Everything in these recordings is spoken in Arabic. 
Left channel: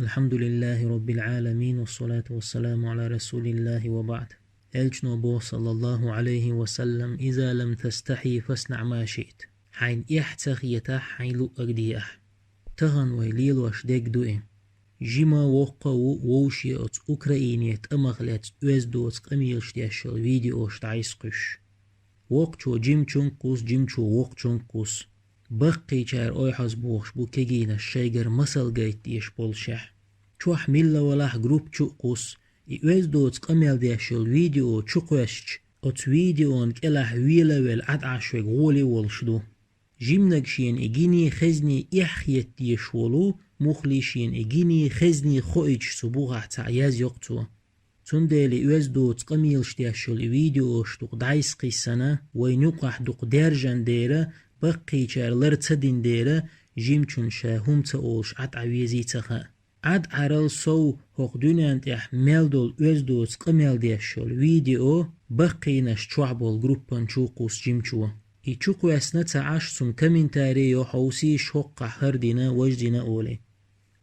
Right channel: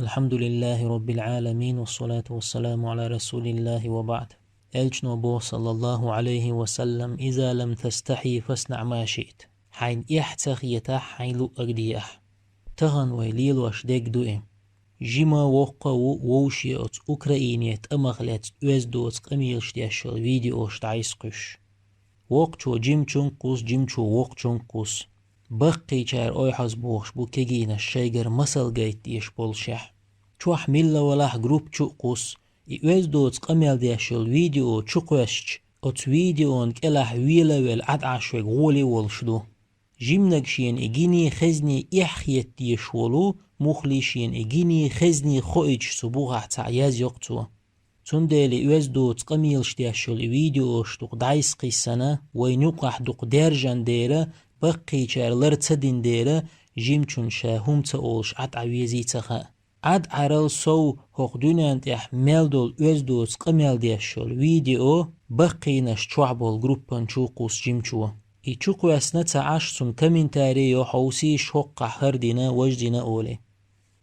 الحمد لله رب العالمين والصلاة والسلام على رسول الله وبعد. ألجنو بو صلى الله عليه وسلم إذا لم تستحي فاصنع ما شئت. حين إحتخ يتاح حين لو أقديح تهن ويليل واشدك دوئم جيما وقا ووشيوت أوكراينيت أمغلت أزدوت قميلش ديشل فيديوش تعيسقش وقچو جيمچون جيمچو وقچون بقي چار اوي حزبوش بو كيجينا الشيجر مسل جيت ديش بولشح چوح ميلا ولاح جروب چوقوس يوز دوت قميل ديشل فيديو چوقوشش اوت فيديو كلاح ويلا ويل عد عشوك غولي والشدو جيمنكشين اجيني خزني احيت ديشولو مخليشين اجيني خزني خويج سبوغة تعياز يقتو تندالي يوز دوت قميلش ديشل فيديو شتوق دايس قيسانا وينوقح دوق ديرجان ديرا بقي چارلر تدين ديرا جيمچون شاهم تاولش عد عويزي تخا عد عرل سو هقدونان تيح ميلدول اوزدوز قميل ديشول فيديو بقي نش چوعبول جروبان چوقوس جيمچو اي چوقو اسنا تعاش سن كمنتاري يو حوسي شوق هردنا وجدنا اولي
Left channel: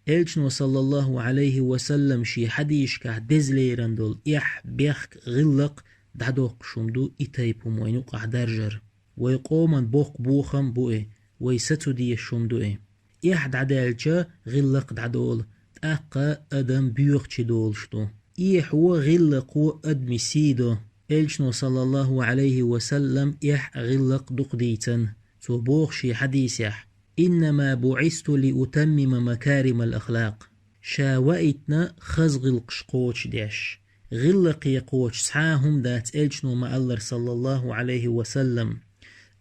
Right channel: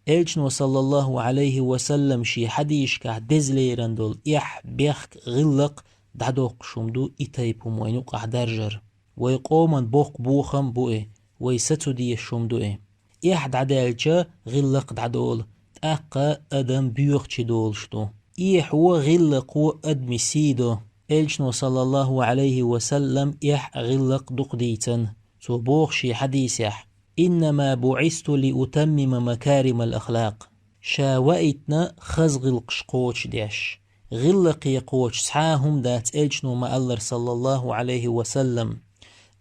الچنو صلى الله عليه وسلم شي حديش كه دزليرندول اح بيخك غلق دعدوق شمدو ايتايبو موينوق درجر ويقومن بوق بوخم بوئي ويستو دي الشمدوئي إحد عدالجا غلق دعدول تأقا أدم بيوخ دول شتو إيح هو غلق و أدمي سيدو إلشنو صلى الله عليه وسلم إح غلق دقديتن تو بوخشي حديثيح إنما بعثت لأتمم مكارم الأخلاق شاوئتنا خزغ القشقوش ديش غلق يقوش سحاهم دات إلشنو مألر صلى الله عليه وسلم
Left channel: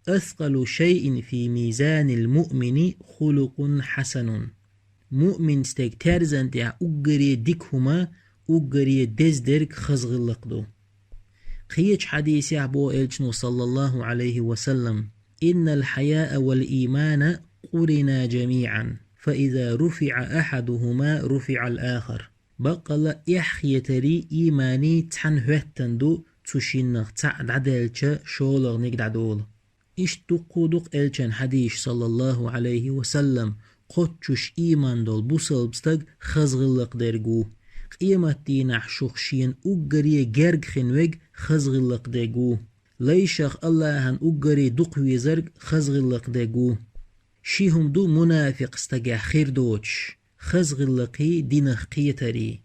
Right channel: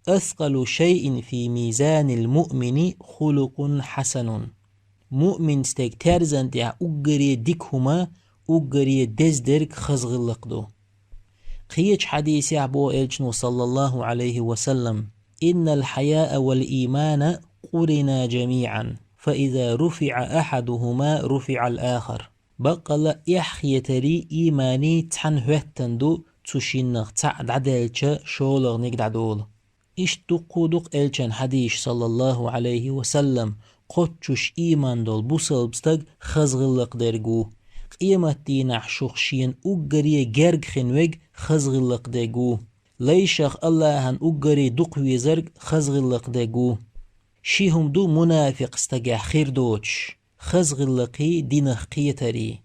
أثقل شيء في ميزان المؤمن خلق حسن مؤمن ستيك ترزن دع أجري ديكهما أجري دزدرك خزغلق دو قيج حديث عبو إلجنو صلى الله عليه وسلم إن الحياء والإيمان قرنا جميعا فإذا رفع أحدهما رفع الآخر بقل إحيتري إيماني تنهوتندو تشينغ تعد عدلچ شولغ نقدعدول إش دق إلچن حديش صلى الله عليه وسلم قدشش إيمان دول بوصل بستق خزغلق درگو قيمت دينح شخشين أقري جرگ خنوگ خزغلق درگو ليشخ الله هن أقري دق ويزرگ خزغلق درگو شيهم دو منافق استقع خير دوش خزغلقي دينخ قيتري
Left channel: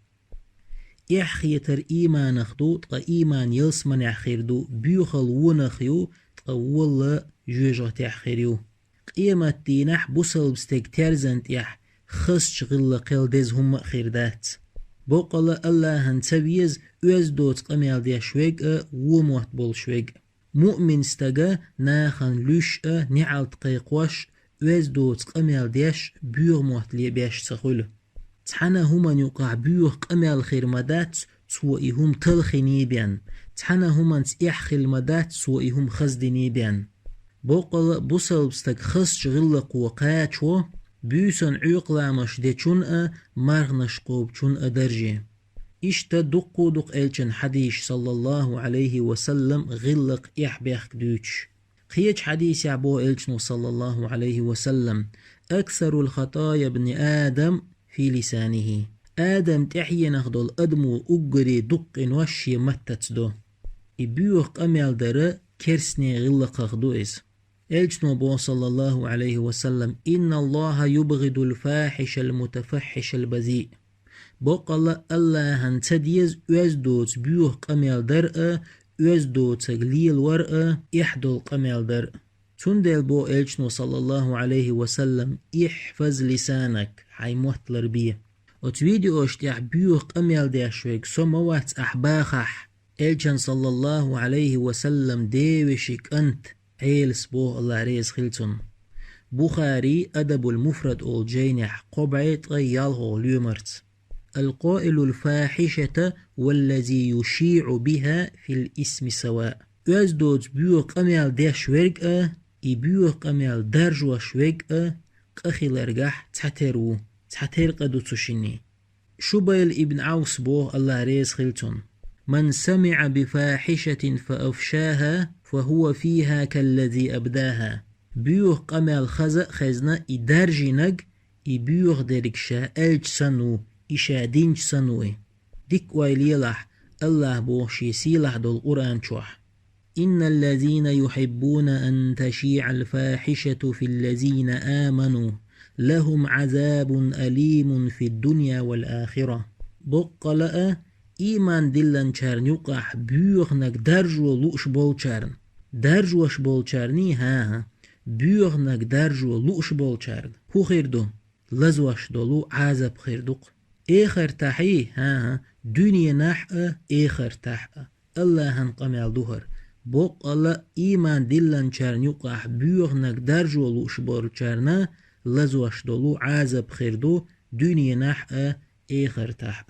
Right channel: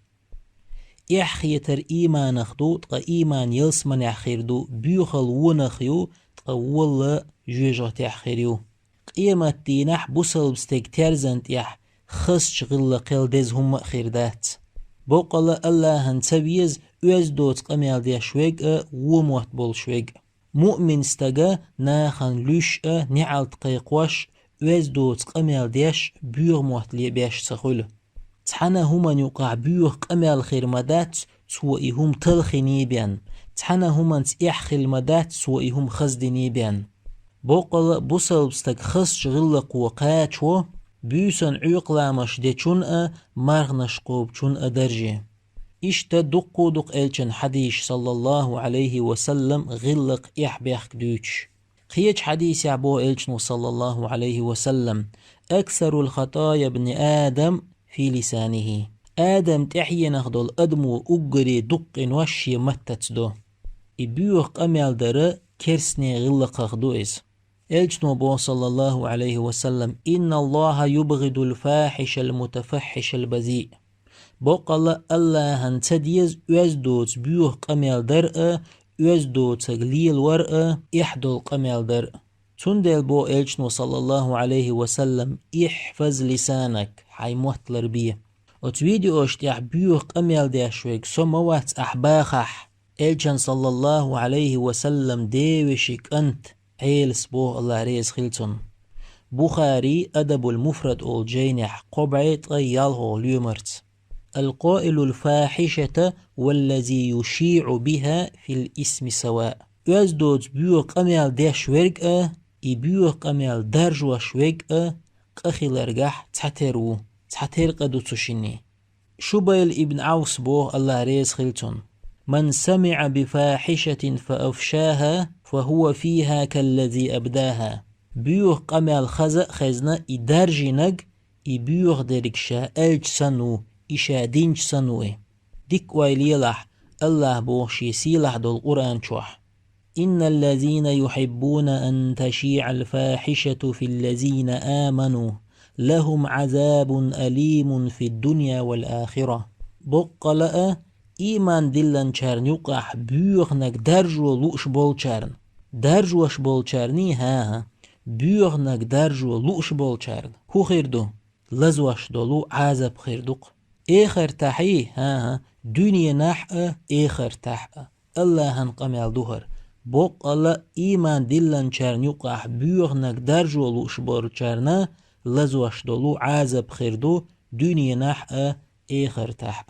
إحيتر إيمانخ دو تقا إيمان يلسمن أخير دو بيوخل ونخيو والله جوجه تأخيريو قيمة دينح بوصل بستيك ترزنت يح خص غلقل دز هم خيردات بوقل الله هنتبيز اوز دوت قميل دي شويق وموت بول شويق مؤمن استقا ناخن لوش نعال تقيقوش اوز دوت قميل ديش بيوغ موت لي بيش سخول تحنا هما يقع بيوغ قميل خيرمدات سوئي هم تلخيني بيان تحنا هما تيح المدات سوئهم خزدني بيان بوقل بوصل بستك خص غلق وقاتشو بيوسن عيق لامش دي چون مرغنش قوب چون درجي اشتا دق الچن حديش صلى الله عليه وسلم غلق اح بيخ دوش قيج حديث عبو الچنو صلى الله عليه وسلم اكثر الخطايا ابن آدم في لسانه آدم تحيي نخدل أدمو أجري دق وشي متتدو إبيوخ قميل دره كرسني غلق دوئز إلجنو بو صلى الله عليه وسلم إن الله يبغض الفاحش المتفحش البذيء بوقال الله هنتديز وزدوت بيوخ قميل درء وزدوت تغليل ورء إحدو قميل درء تندل بو إلجنو صلى الله عليه وسلم احفظ لسانك حي محتلر بيه وتفيديو اشتيح بيوخ قميل ديشوك سموات أحباخح إلجن صلى الله عليه وسلم ديوشك أنت عيلس بو الله ريز خلتن بخاري أدب المفرد أول جينح قبعيت غياله ليومرت القائل الفاحشة والذي يشيع بها في الاسم سواء أزدود بيوخ قميل ديشوك بيوخ قميل درجوشوك قخيلرجح تحتر قدو تشيني شبيل ابن عوس بو الله ريز خلتن من سمع بفاحشة فأفشاها فهو فيها كالذي أبداها بيوخ قمال خزق خزنا إدارجي نج إبيوخ دركشا ألج سنو إشا دينج سنوي ديك ويليلح الله بوشي سيلح دو القرآن شوح إن الذين يحبون أن تشيع الفاحشة في الذين آمنوا لهم عذاب أليم في الدنيا والآخرة بقلأ إيمان دلن چرن يقح بيغنك درجو لوش بول چرن درجوش بول چرني ها بيغنك درجو لوش بول چرن هو خيردو لزوش دولو عذاب خيردوق إخر تحي ها دنيا نحأ إخر تحأ الله هنقمل دوهر بقلأ إيمان دلن چرن يقح بيغنك درجو لوش بول چرن لزوش دولو عذاب خيردو دنيا نحأ إخر تحأ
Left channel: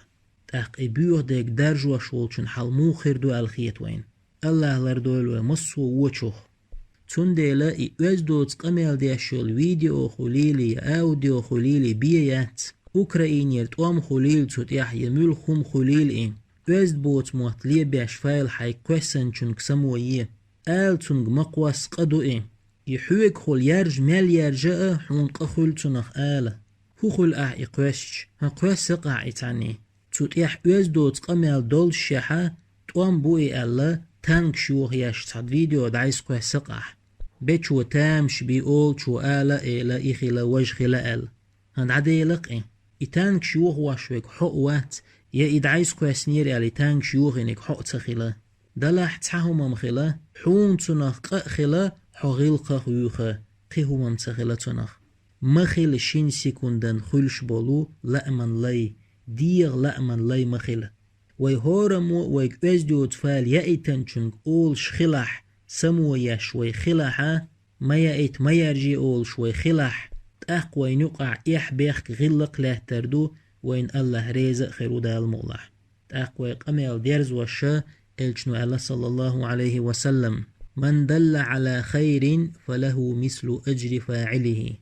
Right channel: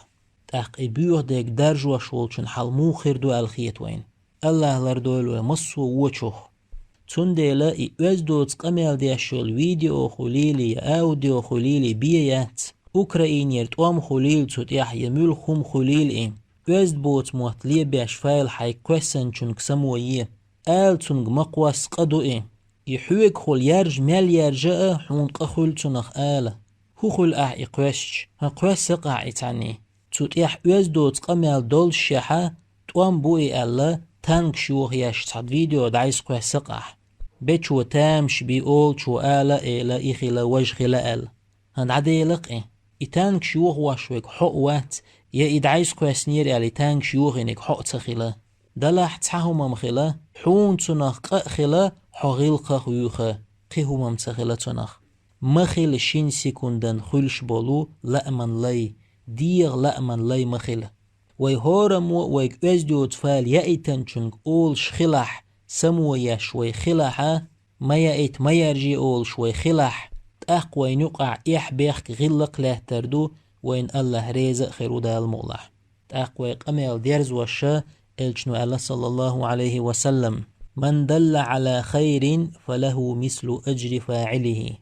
تحقي بيوه ديك درجوا شولچن حلمو خيردو الخيت وين الله لردولو مصو وچوخ تون ديلا إيوز دوتس قميل ديشول فيديو خليلي أوديو خليلي بيات أوكراين يرتوام خليل تود يحيمول خم خليل إن وزد بوت موتلي بيش فايل حي كويسن چون كسموية آل تونغ مقواس قدو إن يحوك خل يرج مال يرجأ حون قخل تونخ آله هو خل إقوشش هقوش قاع إتعني تطيح وزدوت قميل دول شحا توام بوئي ألا تانك شوخ يشتاد فيديو دايس قوي سقح بيشو تامش بيقول شو آلا إيلا إخيلا وجخيلا ألا هند عدي لقي إتانك شوخ واشوك حق وات يا إدعيس قوي سنير ألي تانك شوخ إنك حق تخيلا دلح تحاهم مخيلا حون تنخ قخيلا حغيل قخيوخا قيهو ممتخيلا تنخ مخيل شين سيكوندن خلش بولو لأمن لي ديغ لأمن لي مخيلة ويهورمو ويكوزدوت فال يأيتن چونك أول شخلح سمو يشوي خلحة ما يأيت ما يرجي أول شوي خلح تأق وين يقع إح بيخك غلق له تردو وين الله ريزق خيرو دا المغلح تأق ويقميل ديرز وشا إلجنو الله صلى الله عليه وسلم من دل على خير فله مثل أجر فاعله